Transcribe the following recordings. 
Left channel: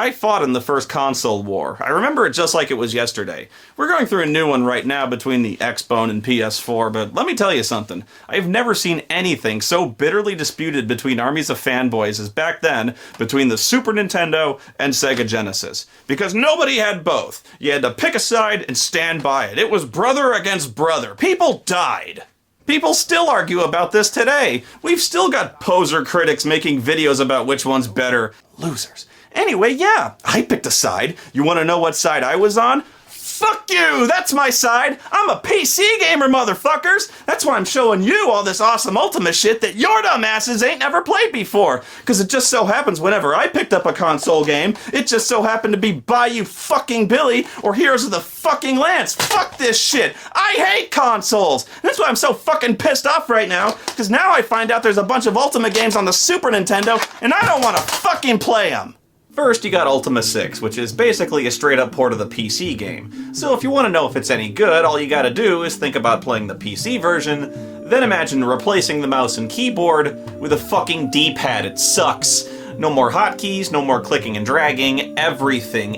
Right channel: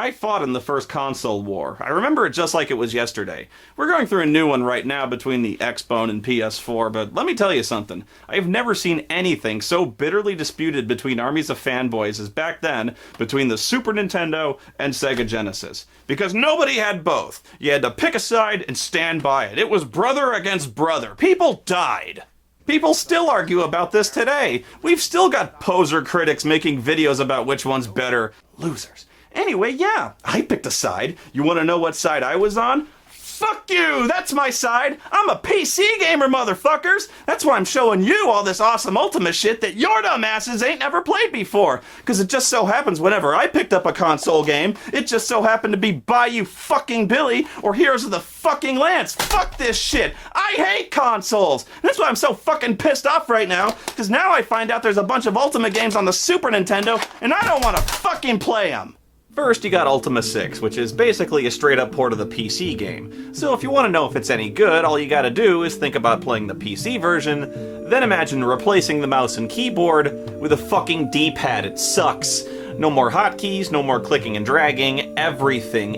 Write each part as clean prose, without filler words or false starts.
I fought in the first console war. I remember it just like it was yesterday. We're going through a new one right now between the Xbone and PS4, but let me tell you something. I've never seen anything so bitterly disputed between armies of fanboys as back then between the Super Nintendo and Sega Genesis. Because nobody had both. You had to pick a side and stand by it. It was brother against brother. People died. People still argue about this today. We've still got poser critics making videos about which one's better. Losers. Anyway, yeah, I picked a side. You want to know what side I was on? Fuck you! That's my side! I'm a PC gamer, motherfuckers! That's why I'm showing you all this awesome Ultima shit that your dumbasses ain't never played before. Because it just so happens whenever I picked up a console game, it just so happened to be Bayou fucking Billy or Heroes of the fucking Lance. Fuck this shit! I hate consoles! And that's why I'm so fucking pissed off right now, because now I find out there's a bunch of Ultima games on the Super Nintendo, and I don't want to fucking play them! First, you got Ultima 6, which is basically a straight-up port of the PC game. So if you want to know if it's any good, all you gotta do is think about playing the PC version, then imagine replacing the mouse and keyboard with a fucking D-pad. It sucks. No more hotkeys, no more clicking and dragging. Everything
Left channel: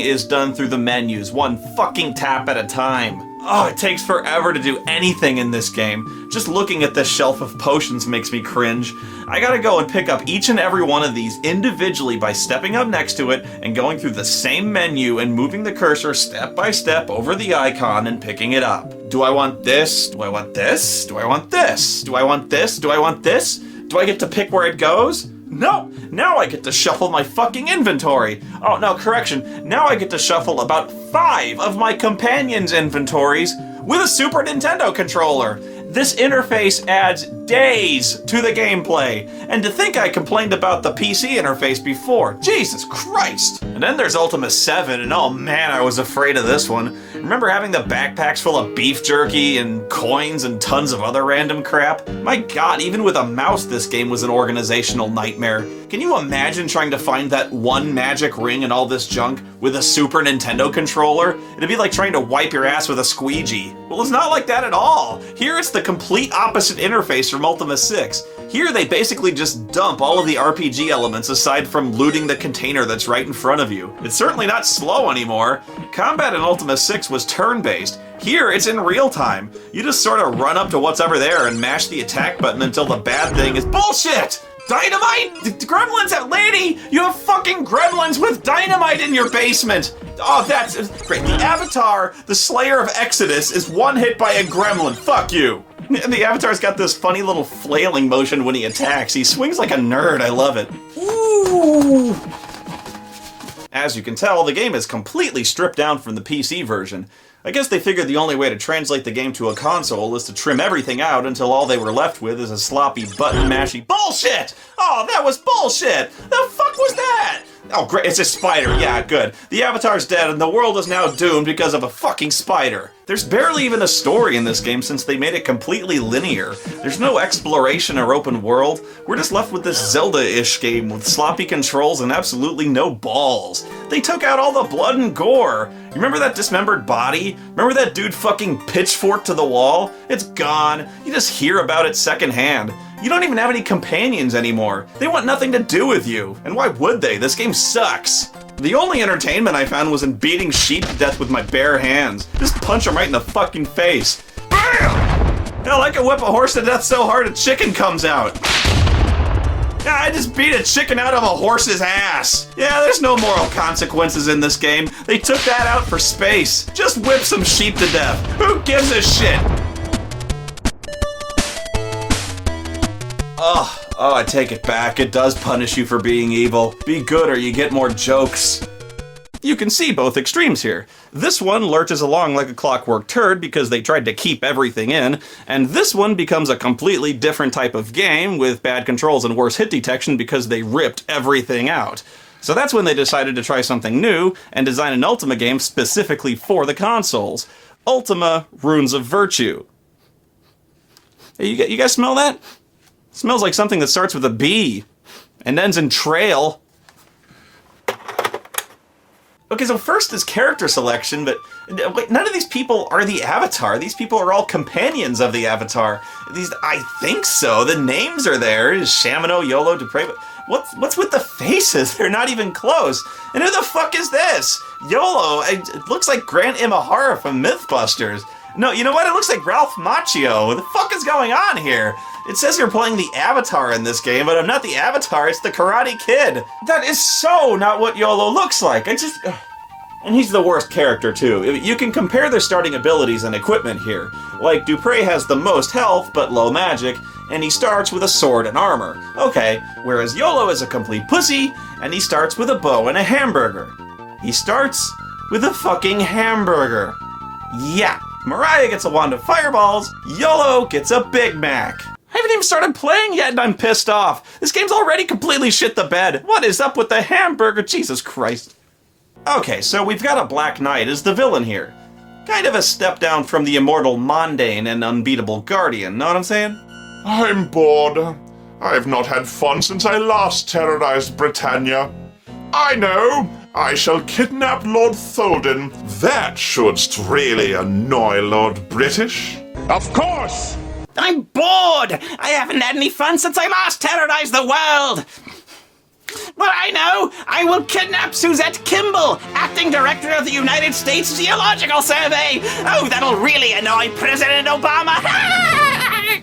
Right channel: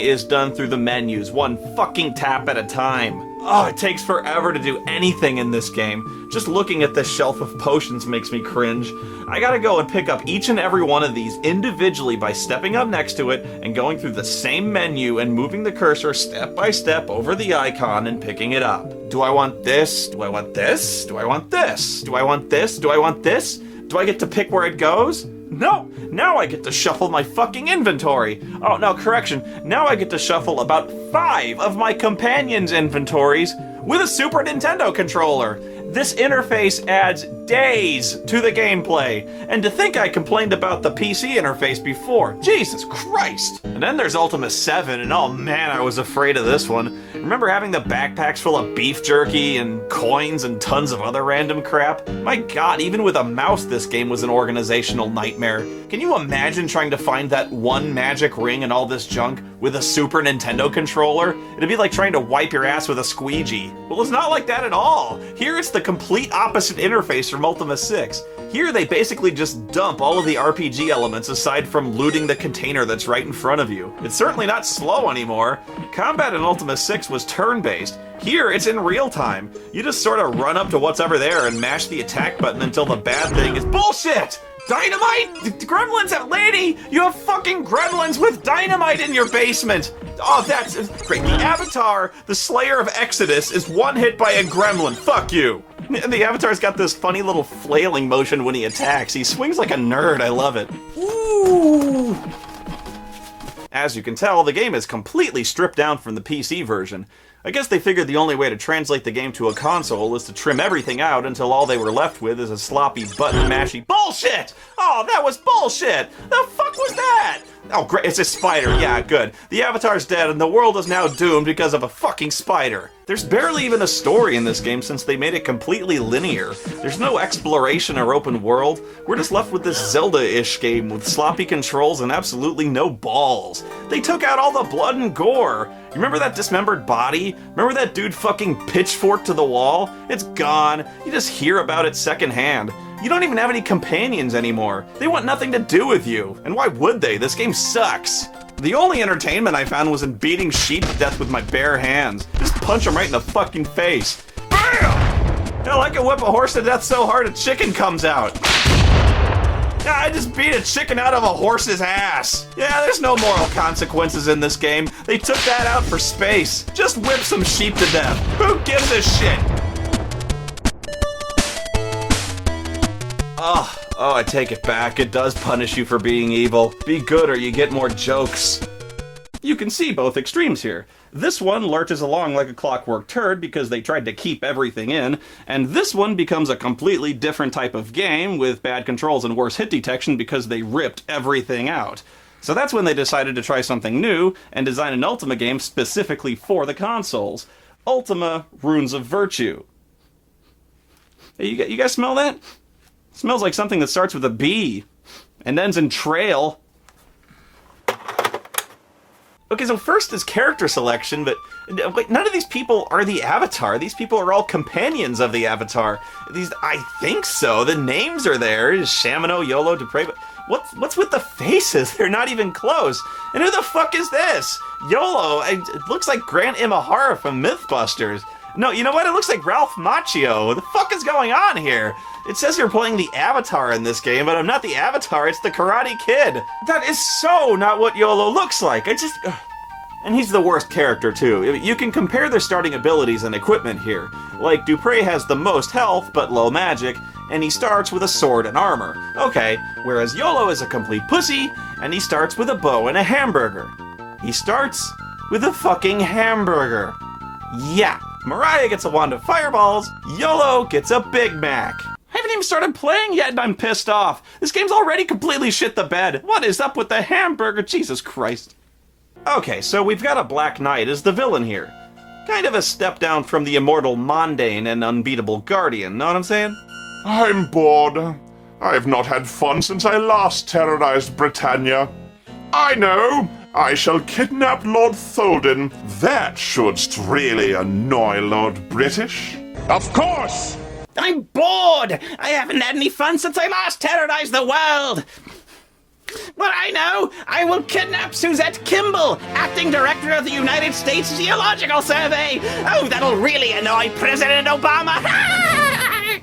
is done through the menus, one fucking tap at a time. Oh, it takes forever to do anything in this game. Just looking at this shelf of potions makes me cringe. I gotta go and pick up each and every one of these individually by stepping up next to it and going through the same menu and moving the cursor step by step over the icon and picking it up. Do I want this? Do I want this? Do I want this? Do I want this? Do I want this? Do I get to pick where it goes? No! Now I get to shuffle my fucking inventory! Oh, no, correction. Now I get to shuffle about 5 of my companions' inventories with a Super Nintendo controller! This interface adds days to the gameplay. And to think I complained about the PC interface before. Jesus Christ! And then there's Ultima 7, and oh man, I was afraid of this one. Remember having the backpacks full of beef jerky and coins and tons of other random crap? My god, even with a mouse, this game was an organizational nightmare. Can you imagine trying to find that one magic ring and all this junk with a Super Nintendo controller? It'd be like trying to wipe your ass with a squeegee. Well, it's not like that at all. Here it's the complete opposite interface from Ultima 6. Here they basically just dump all of the RPG elements aside from looting the container that's right in front of you. It's certainly not slow anymore. Combat in Ultima 6 was turn-based. Here it's in real time. You just sort of run up to what's over there and mash the attack button until the bad thing is bullshit! Dynamite? Gremlins at Lady? You have fucking gremlins with dynamite in your basement! Oh, that's great. The Avatar, the Slayer of Exodus, is one hit by a gremlin. Fuck you. And the Avatar's got this funny little flailing motion when he attacks. He swings like a nerd. I love it. Ooh. As you can tell, the game is completely stripped down from the PC version. I guess they figured the only way to translate the game to a console is to trim everything out until all they were left with is a sloppy button-mashy bullshit! Oh, that was bullshit! The fuck was that? Oh, great, it's a spider. Yeah, good. The Avatar's dead and the world is now doomed because of a fucking spider. There's barely even a story in this game since they made it completely linear. There's no exploration or open world. We're just left with this Zelda-ish game with sloppy controls and absolutely no balls. They took out all the blood and gore. You remember that dismembered body? Remember that dude fucking pitchforked to the wall? It's gone. You just hear about it secondhand. You don't even have any companions anymore. They want nothing to do with you. And why would they? This game sucks. The only entertainment I found was in beating sheep to death with my bare hands. Just punch them right in the fucking face. Bam! Hell, I can whip a horse to death so hard a chicken comes out. Yeah, I just beat a chicken out of a horse's ass. Yeah, there's no moral consequences in this game. They took that out for space. Just whip some sheep to death. Who gives a shit? Oh, I take it back. It does punish you for being evil. Be good or you get more jokes. You can see both extremes here. This one lurches along like a clockwork turd because they tried to keep everything in, and this one becomes a completely different type of game with bad controls and worse hit detection because they ripped everything out. So that's when they decided to try something new and design an Ultima game specifically for the consoles. Ultima Runes of Virtue. Hey, you guys smell that? It smells like something that starts with a B and ends in trail. Okay, so first is character selection, but wait, none of these people are the Avatar. These people are all companions of the Avatar. I think so. The names are there. Shamino, Yolo, Dupre. But what's with the faces? They're not even close. And who the fuck is this? Yolo. It looks like Grant Imahara from Mythbusters. No, you know what? It looks like Ralph Macchio. What the fuck is going on here? It says you're playing the Avatar in this game, but I'm not the Avatar, it's the Karate Kid. That is so not what Yolo looks like. And he's the worst character, too. You can compare their starting abilities and equipment here. Like, Dupre has the most health, but low magic, and he starts with a sword and armor. Okay, whereas Yolo is a complete pussy, and he starts with a bow and a hamburger. He starts with a fucking hamburger. Yeah. Mariah gets a wand of fireballs, Yolo gets a Big Mac. I haven't even started playing yet and I'm pissed off. This game's already completely shit the bed. What is up with the hamburger? Jesus Christ. Okay, so we've got a Black Knight as the villain here. Kind of a step down from the immortal Mondane and unbeatable Guardian, know what I'm saying? I'm bored. I've not had fun since I last terrorized Britannia. I know! I shall kidnap Lord Tholden. That should really annoy Lord British. Of course! I'm bored! I haven't had any fun since I last terrorized the world! Well, I know! I will kidnap Suzette Kimball, acting director of the United States Geological Survey! Oh, that'll really annoy President Obama!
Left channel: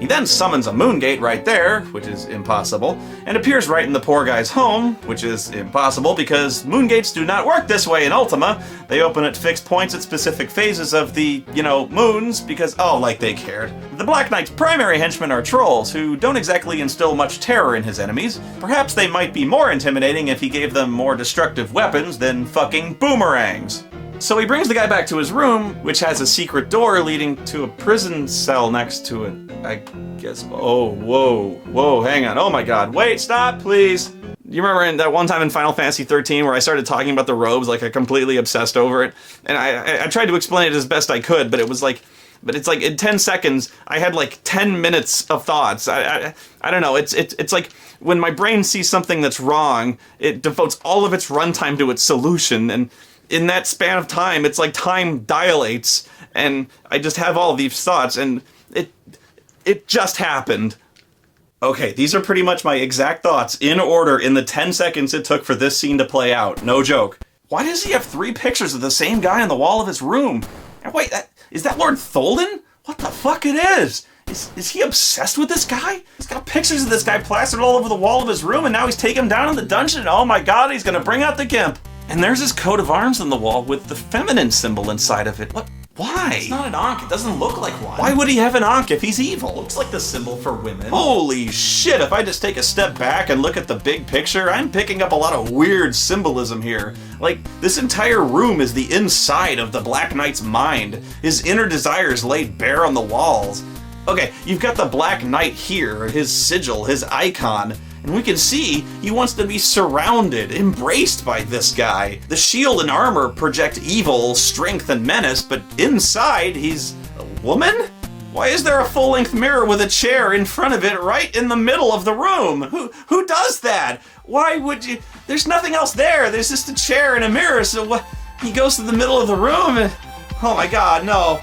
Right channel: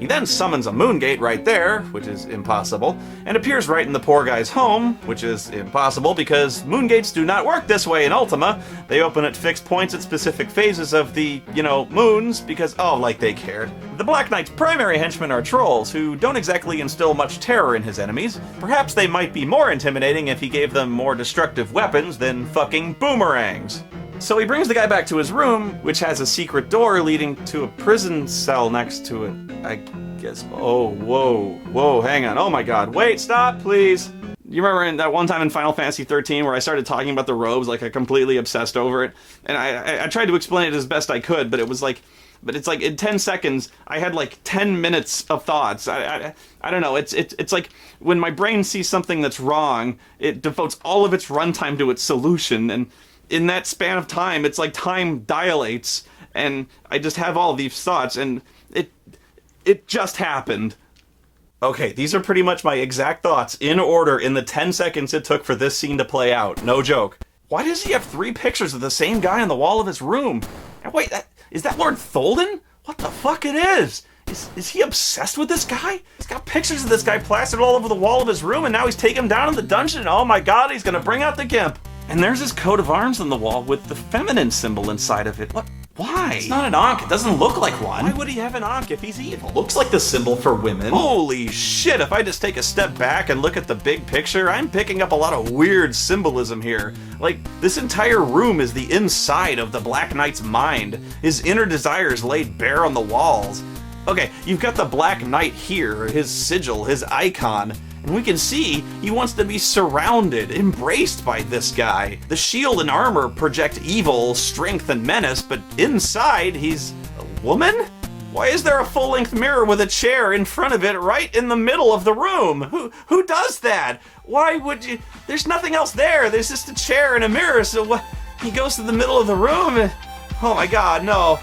He then summons a Moongate right there, which is impossible, and appears right in the poor guy's home, which is impossible because Moongates do not work this way in Ultima. They open at fixed points at specific phases of the, moons, because, like they cared. The Black Knight's primary henchmen are trolls, who don't exactly instill much terror in his enemies. Perhaps they might be more intimidating if he gave them more destructive weapons than fucking boomerangs. So he brings the guy back to his room, which has a secret door leading to a prison cell next to it. I guess. Oh, whoa, hang on. Oh my god. Wait, stop, please. You remember in that one time in Final Fantasy 13 where I started talking about the robes, like I completely obsessed over it? And I tried to explain it as best I could, but it's like in 10 seconds, I had like 10 minutes of thoughts. I don't know. It's like when my brain sees something that's wrong, it devotes all of its runtime to its solution, and in that span of time, it's like time dilates, and I just have all these thoughts, and it just happened. Okay, these are pretty much my exact thoughts in order in the 10 seconds it took for this scene to play out. No joke. Why does he have 3 pictures of the same guy on the wall of his room? Wait, is that Lord Tholden? What the fuck it is? Is he obsessed with this guy? He's got pictures of this guy plastered all over the wall of his room, and now he's taking him down in the dungeon, and oh my god, he's gonna bring out the gimp. And there's his coat of arms on the wall with the feminine symbol inside of it. What? Why? It's not an Ankh. It doesn't look like one. Why would he have an Ankh if he's evil? Looks like the symbol for women. Holy shit, if I just take a step back and look at the big picture, I'm picking up a lot of weird symbolism here. Like, this entire room is the inside of the Black Knight's mind. His inner desires laid bare on the walls. Okay, you've got the Black Knight here, his sigil, his icon, and we can see he wants to be surrounded, embraced by this guy. The shield and armor project evil, strength, and menace, but inside he's a woman? Why is there a full-length mirror with a chair in front of it right in the middle of the room? Who does that? Why would you? There's nothing else there. There's just a chair and a mirror, so what? He goes to the middle of the room and... Oh my god, no,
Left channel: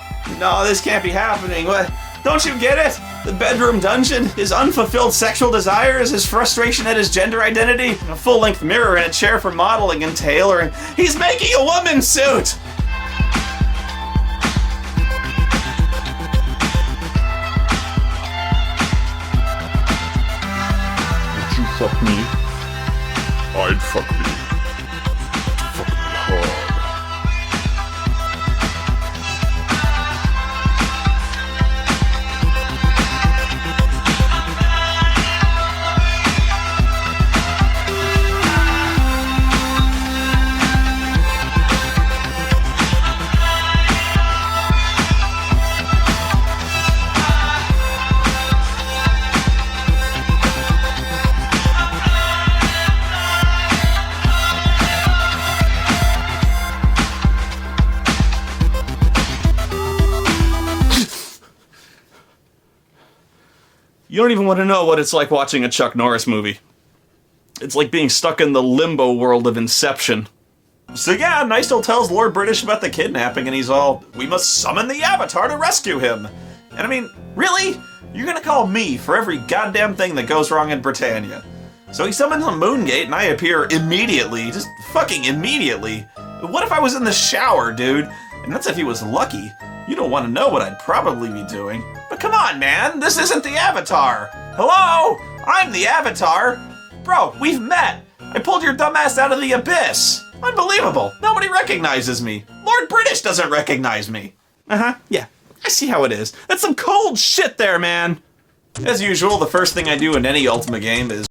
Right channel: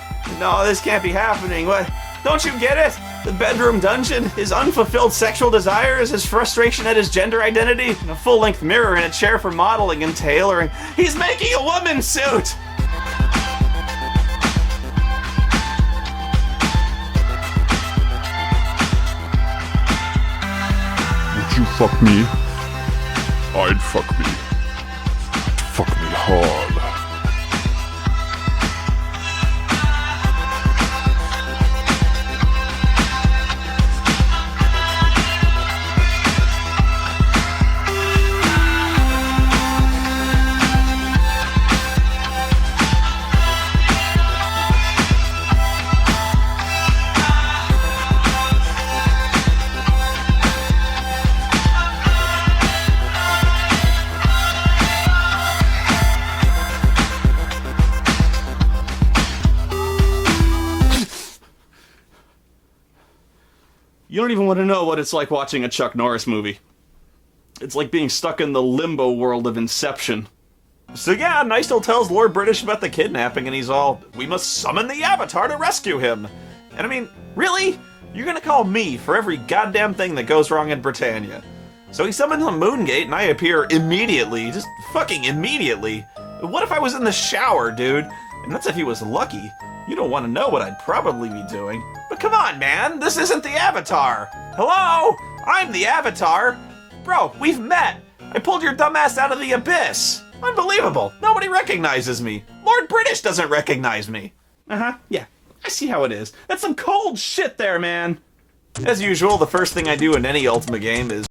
this can't be happening. What? Don't you get it? The bedroom dungeon, his unfulfilled sexual desires, his frustration at his gender identity, a full-length mirror and a chair for modeling and tailoring. He's making a woman's suit! Would you fuck me? I'd fuck me. Fuck me hard. You don't even want to know what it's like watching a Chuck Norris movie. It's like being stuck in the limbo world of Inception. So yeah, Nystel tells Lord British about the kidnapping, and he's all, we must summon the Avatar to rescue him. And I mean, really? You're gonna call me for every goddamn thing that goes wrong in Britannia? So he summons a Moongate, and I appear immediately, just fucking immediately. But what if I was in the shower, dude? And that's if he was lucky. You don't want to know what I'd probably be doing. But come on, man, this isn't the Avatar. Hello? I'm the Avatar. Bro, we've met. I pulled your dumbass out of the abyss. Unbelievable. Nobody recognizes me. Lord British doesn't recognize me. Yeah. I see how it is. That's some cold shit there, man. As usual, the first thing I do in any Ultima game is